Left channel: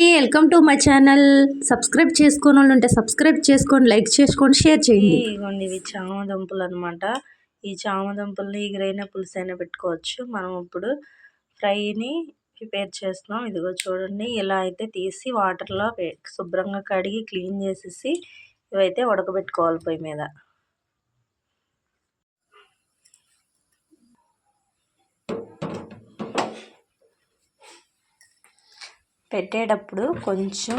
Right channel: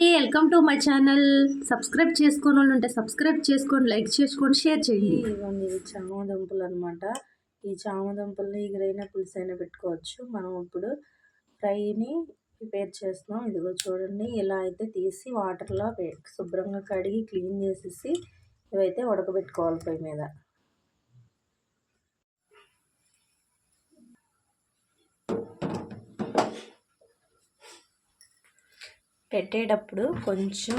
Welcome to my channel subscribe చేసుకోని వాళ్ళు ఉంటే సబ్స్క్రైబ్ చేసుకోండి లైక్ చేసుకోండి షేర్ చేయండి. ఇదిగోండి ఇవి చామ దుంపలు అనమాట ఈ చామ దుంపల్ని గ్రైన పులుసు అయినా పెట్టుకోవచ్చు. మనం ఇప్పుడు ఫ్రైని ప్రిపేర్ చేస్తున్నాం. ఇదిగో చూడండి ఇలా అయితే తీసి వాటర్లో శుభ్రంగా కడిగి క్లీన్ చేసేసి ఇవైతే ఉడకబెట్టుకోవాలి పొయ్యి మీద. పెట్టేటప్పుడు కొంచెం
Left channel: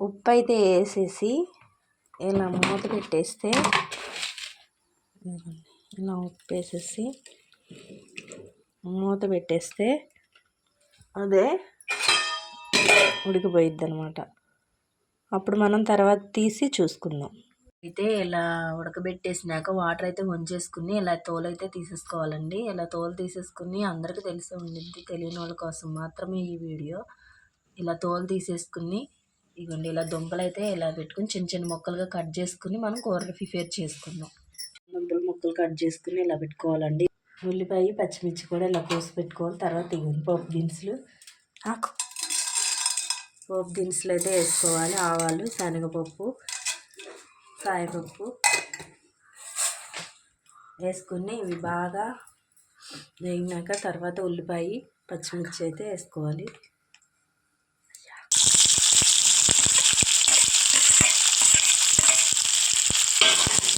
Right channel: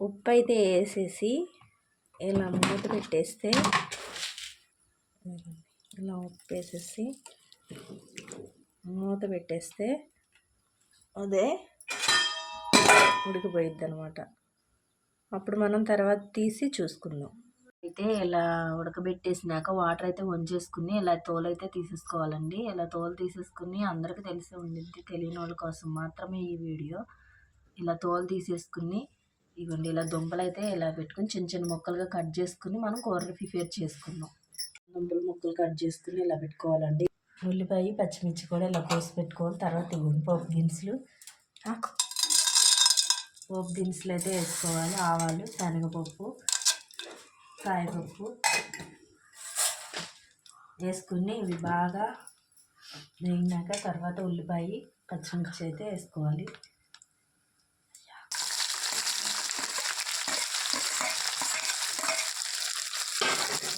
ఉప్పు అయితే వేసేసి ఇలా మూత పెట్టేస్తే ఇలా ఉప్పు వేసేసి మూత పెట్టేస్తే అదే ఉడికిపోయిద్ది అనమాట అప్పుడు మనం తర్వాత తీసి చూసుకుందాం. అయితే ఇలా ఉడకబెట్టేసినాక వాటర్ అయితే వంచేసుకుని ఇలా తోలు అయితే తీసేసుకోవాలండి. ఇలా తోలు తీసేసుకుని అందరికీ తెలిసి ఉండిద్ది తెలియని వాళ్ళ కోసం మాత్రమే ఈ వీడియో. ఇలా తోలు తీసేసుకుని ఇవ్వండి ఇలా దుంపలు అయితే ఇలా పెట్టుకుని చిన్న చిన్న ముక్కలుగా కట్ చేసుకుని మనం కూర ప్రిపేర్ చేసుకున్నాం దుంపలు ముక్కలు కట్ చేసుకుని ఇలా పెట్టుకోవాలండి. ఉల్లిపాయ పచ్చిమిర్చి కూడా ఇలా కోసి పెట్టుకోవాలి. తర్వాత ఇవ్వండి పోపు దినుసులు. పోపు దినుసులు అయితే వేసుకోవాలి. ఆవాలు శనగపప్పు కాయపప్పు వేసుకుని ఇవి బాగా వేగినాక తర్వాత ఉల్లిపాయ పచ్చిమిర్చి అయితే వేసుకోవాలి.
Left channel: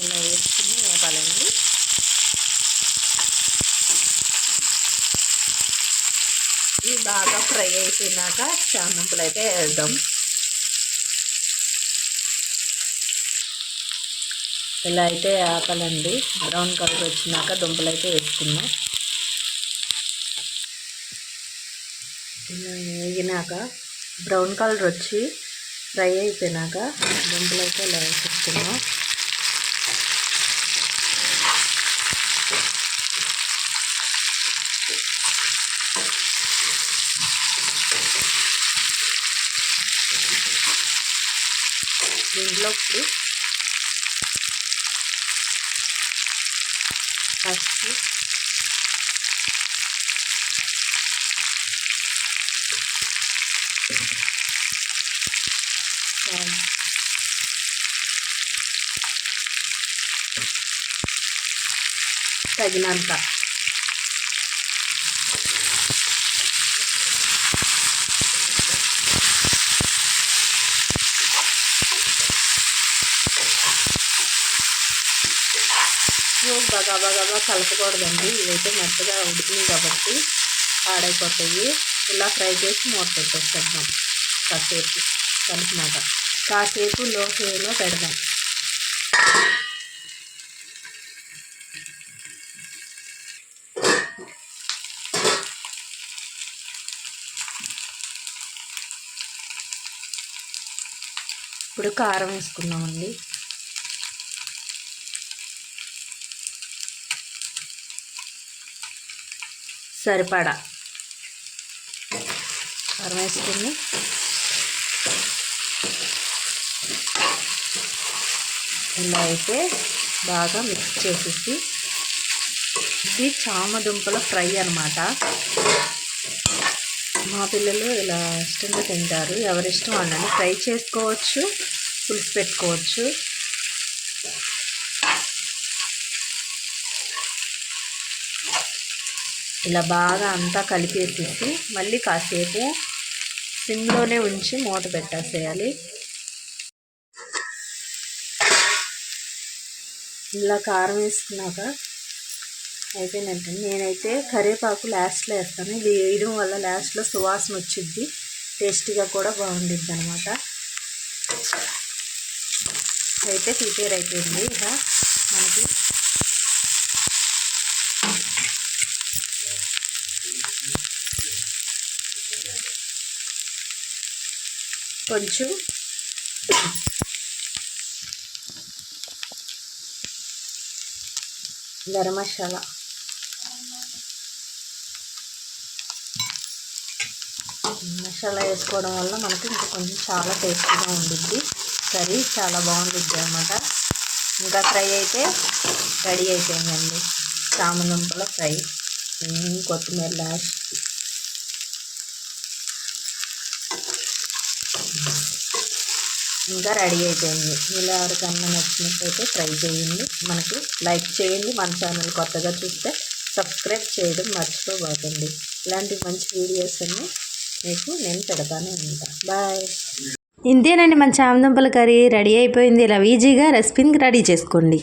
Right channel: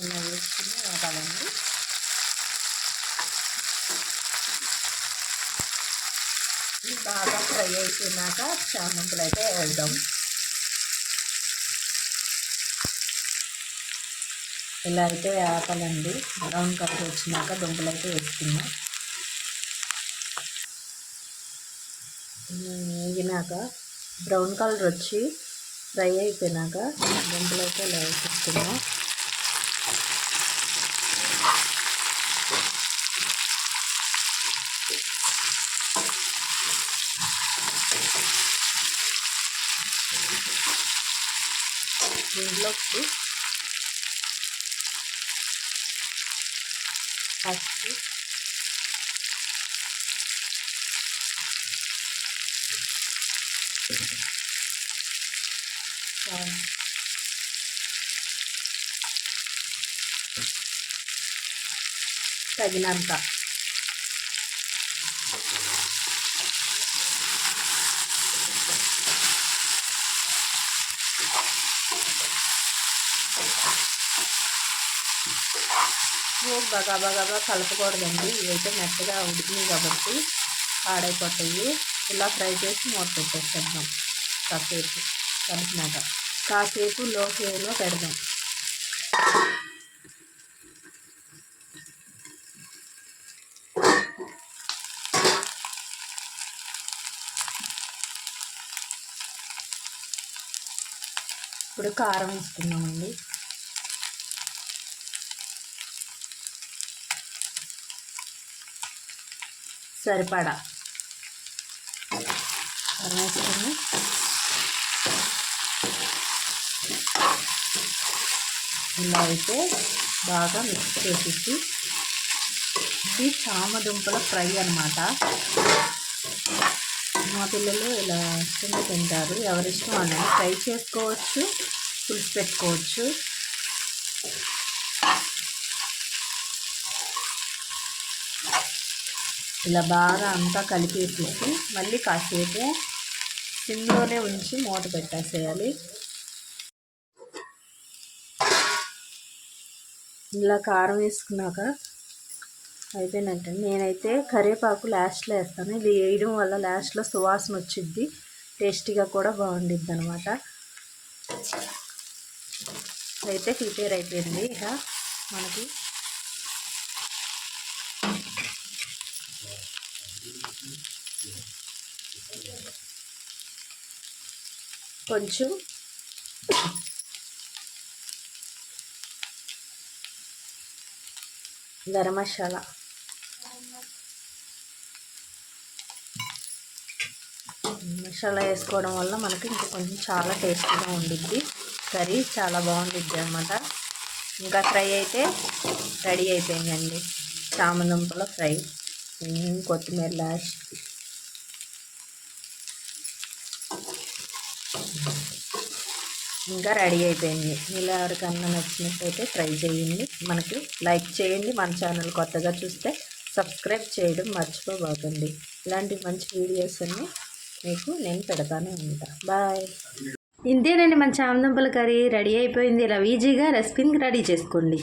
ఇలా వేసుకుని వేపాలండి. ఇవి బాగా ఫ్రై అయిపోయినాక చామంపులు అయితే వేద్దాం. ఇలా అయితే ఆపాలండి బ్రౌన్ కలర్ వచ్చినాక దుంపలు అయితే వేసుకున్నాం వేగినాక బ్రౌన్ కలర్ వచ్చి ఫ్రై అయిపోయినాక దుంపలు అయితే ఇలా వేసుకున్నాం. దీంట్లో ఇప్పుడు పసుపు చాలు తగినంత బాగా బాగా కలపకూడదండి. ఇవైతే మెత్తగా ఉడికినాయి కాబట్టి పాడైపోతాయి. ఇలా ఫ్రై చేసి మూత పెట్టేస్తాం కాసేపు కలిపినాక. కాసేపు లో ఫ్లేమ్లో పెడదాం. ఇప్పుడు కారం వేసుకుందామండి. సరిపడా. కారం వేసుకుని ఇలా అయితే బాగా మిక్స్ చేసేసి ఇది చామదుంపల ఫ్రై అనమాట మా పిల్లలు ఇలా ఇష్టంగా తింటారు. ఎవరిష్టం వాళ్ళని ఫ్రై చేసుకోవచ్చు పులుసు పెట్టుకోవచ్చు. ఇలా బాగా అంతా కలిపేసేసి మళ్ళీ కాసేపు సిమ్లోనే ఉంచి మూత పెట్టేసేయాలి. ఇలా కారం వేసుకున్నాక అయిపోయినట్టు నేనైతే కరివేపాకు లాస్ట్లో వేస్తాను. ఇది వేయడం వల్ల లాస్ట్లో సువాసన వచ్చిద్ది టేస్టీగా కూడా బాగుండిద్ది అనమాట అయితే ప్రిపేర్ అయిపోయింది ఇక మనకి కొంచెం గరం మసాలా. మసాలా వేసుకోవడం వల్ల మనకి ఇంకా కొంచెం చాలా టేస్టీగా ఉండిద్ది. కర్రీ చాలా బాగుండిద్ది అనమాట ఇంకా ఫ్రై అయితే రెడీ అయిపోయిందండి. చామదుంపల ఫ్రై. కొత్తిమీర లాస్ట్. ఇంకా రెడీ అయిపోయింది. ఇలా ఎవరికన్నా నచ్చినట్టయితే ట్రై చేయండి. మనకి లైక్ చేయండి. మన ఛానల్ కొత్తగా చూస్తే సబ్స్క్రైబ్ చేయడం మర్చిపోబోకండి ఇలాంటి మంచి వీడియోస్ అన్నీ మీకు నేను పెడతానే ఉంటా బాయ్. ఇంతేనండి మన చామదుంపల కర్రీ రెడీ అయిపోయింది. ఇలా ఈజీగా రెసిపీని రెడీ చేసుకోండి.